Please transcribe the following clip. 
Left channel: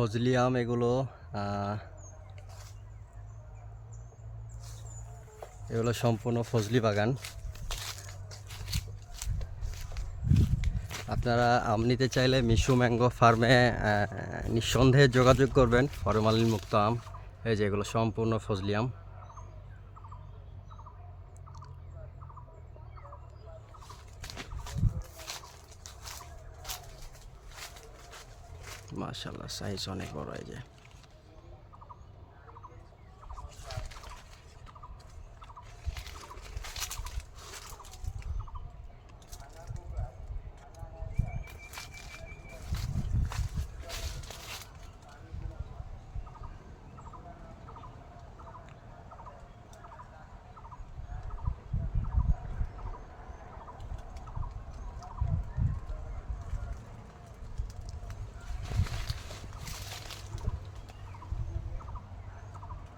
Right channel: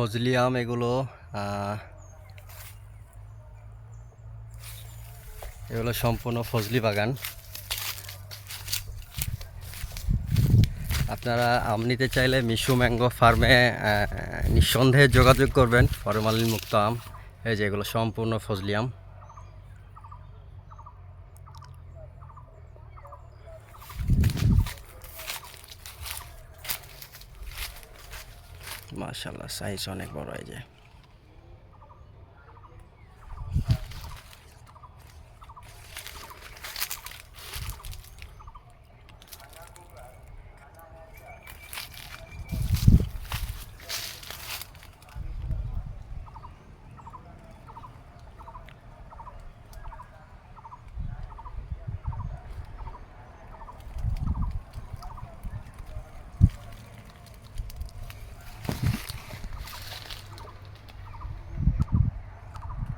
ফজলি আম এগুলো এগুলো সম্পূর্ণ ফজলি বাগান। আপনারা আম নিতে চাইলে মিশু ম্যাঙ্গো ফার্মে নিঃসন্দেহে যোগাযোগ করবেন। ফরমালিনমুক্ত আম, এই যে এগুলো সম্পূর্ণ ফজলি আম। মাশাল্লাহ সাইজ অনেক বড় হয়ে যে।